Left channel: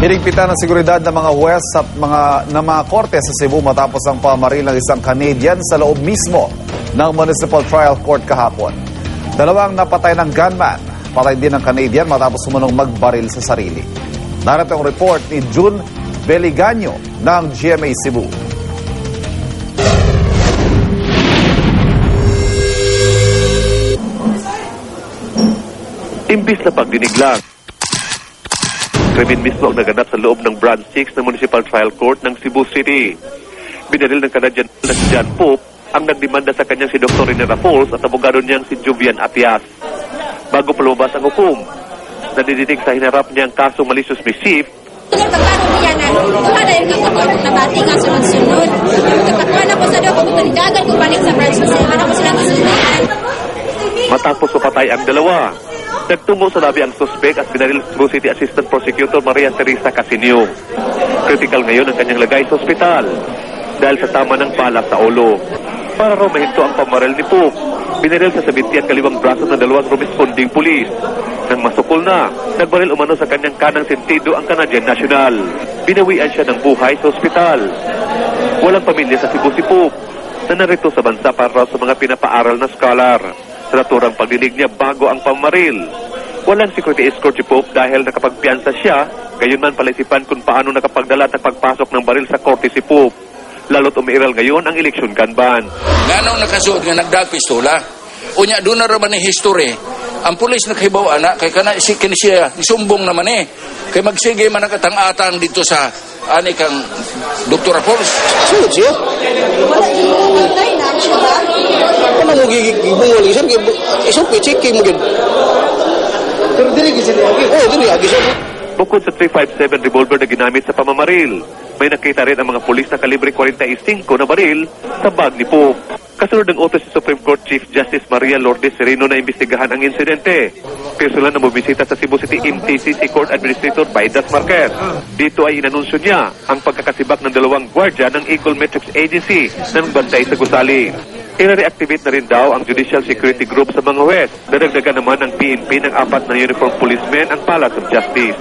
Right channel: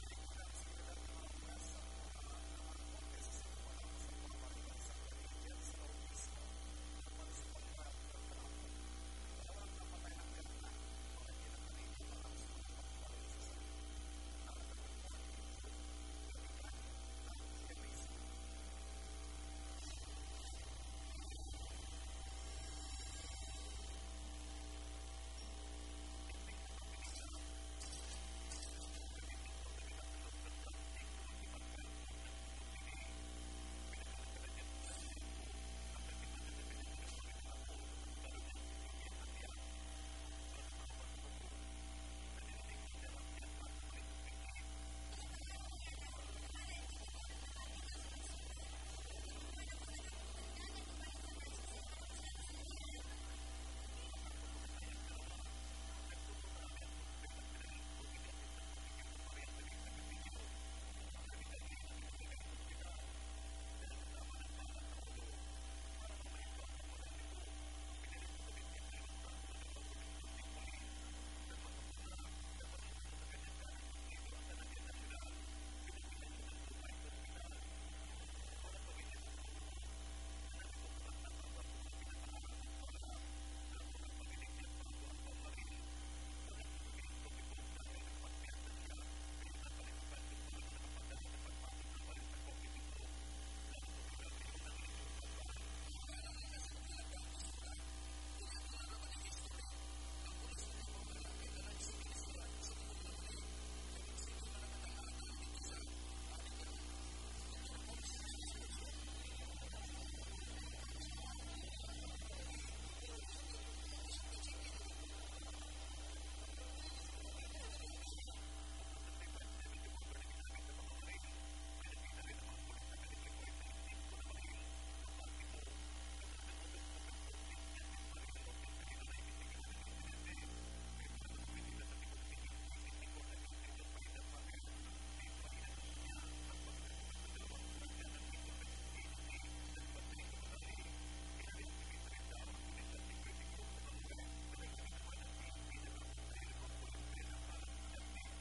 Hinigpitan ng seguridad ng mga huwes at mga korte sa Cebu matapos ang pamaril ng isang Canadian sa loob mismo ng Municipal Trial Court kahapon. Dalawang napatay ng gunman, patay din ng Canadian matapos sumunong magbaril sa sarili. Narito ang report ni June Beliganyo ng GMA Cebu. Imbis na pagdinig lang, krimen mismo ang naganap sa loob ng Branch 6 ng Municipal Trial Court ng Cebu City. Binaril ng Canadian na si John Pope ang nagdemanda sa kanyang si Dr. Rene Raffles at abogado niyang si Jovian Atias. Bago pa lumabas ang hukom, nadidinig sa hinarap niyang kasong malicious mischief. Pagkano niya na, kada yung kakapag nabati nga sunod-sunod. Kapatuan ako sa doon, kung dagan ko balik sa branch 6, ano ko sila kasunod. Matapos mapatay ang dalawa, nagtungo sa labi ang suspek at binaril Cebu City Assistant Prosecutor Maria Teresa Casinio. Critical ngayon ang kanyang lagay sa ospital dahil sa tama ng bala sa ulo. Para raw mahinto ang pamaril ni Pope, binaril sa sabiti at kaliwang braso ng dalawang responding pulis. Nang masukol na, nagbaril umano sa kanyang kanang sentido ang Canadian National. Binawian siya ng buhay sa ospital. Walang pamilya sa Cebu si Pope na narito sa bansa para sa mga pinapaaral na scholar. Sa naturang pagdinig niya bago ang pamaril. Walang security escort si Pope dahil nakapagpiansa siya, gayon man palaisipan kung paano nakapagdala at pagpasok ng baril sa korte si Pope. Lalo't umiiral ngayon ang election gun ban. Nganong nakasuot nga nagdagpistola? Unya, doon na raman ni history. Ang pulis nakahibaw anak, kay kini siya, isumbong naman eh. Kay magsige man nakatang-atang dito sa ani kang Dr. Raffles. Sunod siya? Ano mo gigibungolisan? Isang pichikin mo gin. Pero dili gisi lagi. Oh, dili lagi siya. Bukod sa .357 revolver na ginamit sa pamamaril, may nakita rin ang mga pulis na kalibre 45 na baril sa bag ni Pope. Kasunod ng utos si Supreme Court Chief Justice Maria Lourdes Sereno na imbestigahan ang insidente. Personal na bumibisita sa Cebu City MTC si Court Administrator Baidas Marquez. Dito ay inanunsyo niya ang pagkakasibak ng dalawang gwardya ng Eagle Metrics Agency na nagbantay sa gusali. I-reactivate na rin daw ang Judicial Security Group sa mga huwes. Dadagdagan naman ng PNP ng 4 na uniform policemen ang Palace of Justice.